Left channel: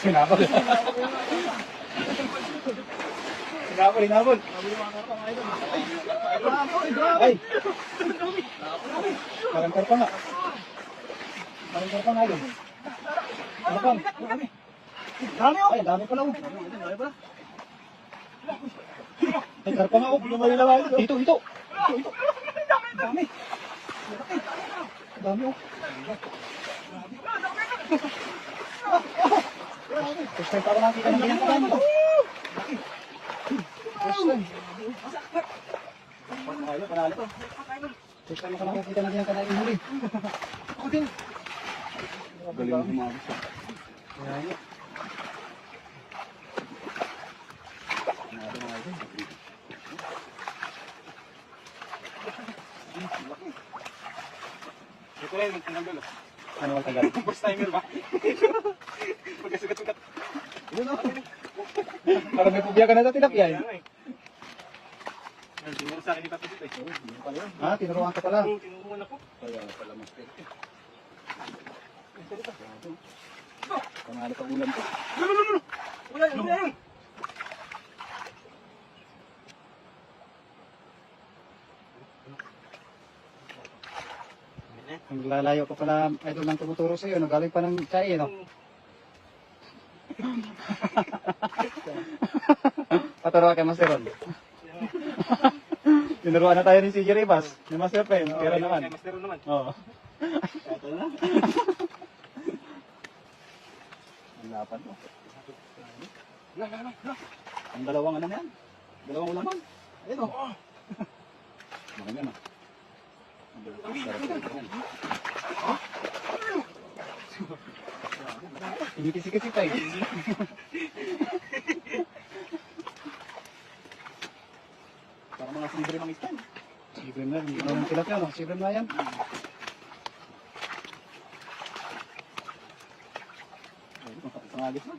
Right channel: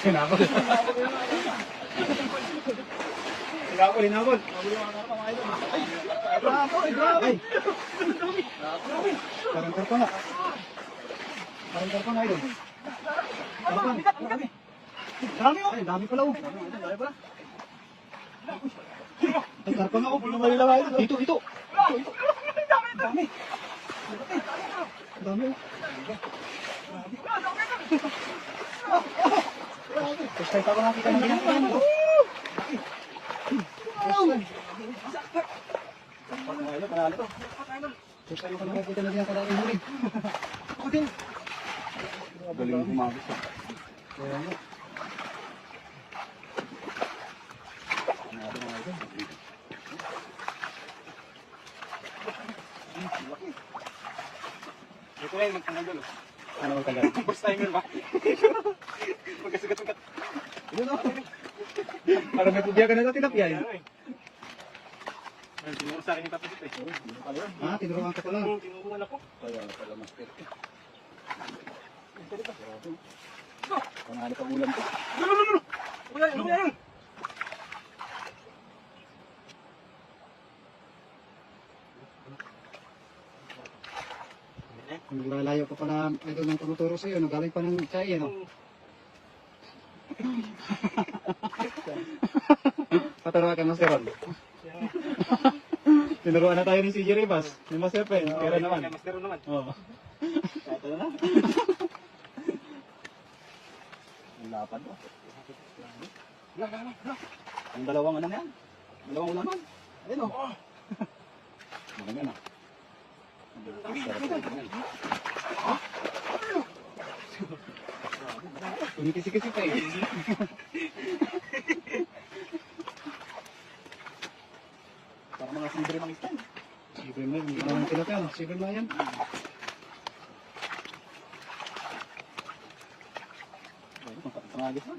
Sinabol. Sinabol. Ay! Parang karpa nga. Parang karpa nga yun. Karpan. Dami oh! Ay, dami pala oh. Ay, karpa nga oh. Dito. Dami. Dami oh. Gusto pa rin natin. Panalo. Gusto mo ka nakakita na diyan ka na yung huli. Ako din. Galing humagis ka. Kaya nga. Ito yan, ang tagal. Ano naman tagal? First timer ba? Magkasigat-sigat. Parang may pubya ka na ito, tilapia eh. Tinuro sa akin ni Patis eh. Ha? Tinuruan ka pala? Tinuruan ako. Kaya pala mas pwede. Pangalit ang ulam ko. Ulan! Naglalayo pa pala idol ng tumuturo sa'yo, no? Galing pa ng Chai, no? Pataro kay Master Ron. Tinuruan na tayo ni CJ Rivas. Ni Master Pen, kaya naman. Master Ron naman. Oo. Lapan mo. Ang dalawang ano na yan? Dalawang ulaman. Ayun o. Mga na. Umitisik-isik tayo. Parang mga silver ng istan. Silver na, hindi na lang tilapia, no? Silver na yan. Pangagis na.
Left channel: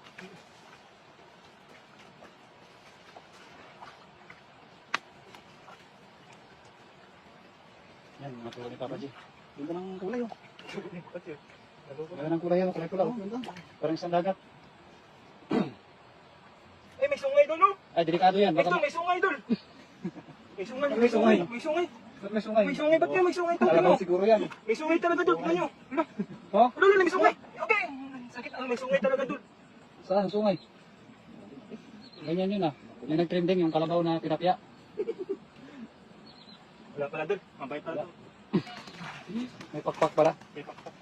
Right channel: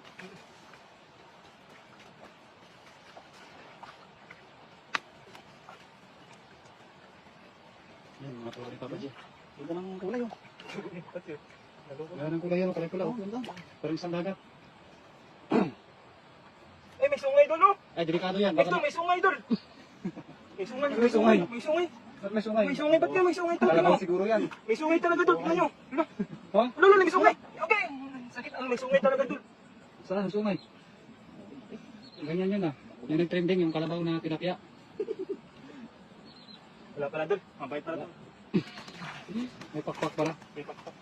Yan, mga tuwa ni Papa G. Hindi nang kulay, oh. Ganda ng kulay yan, kulay pula, oh. Parang isang dagat. Eh, may sungay doon, no? Ay, delikado yan. Ito, may sungay doon. May sungay. May sungay. May sungay. Ba't may sungay? May sungay, ba't yan? May sungay talaga, no? Alabang siguro yan. May sungay talaga doon. Ano? Ano? Oh? Ano, may sungay. Okay. Sakit, may sungay talaga doon. Saan sungay? Ganyan yun ah. Yung nag-trending, yung kalabaw na pinapya. Wala pala doon. Mabay pala doon. May pakpak pala. May pakpak.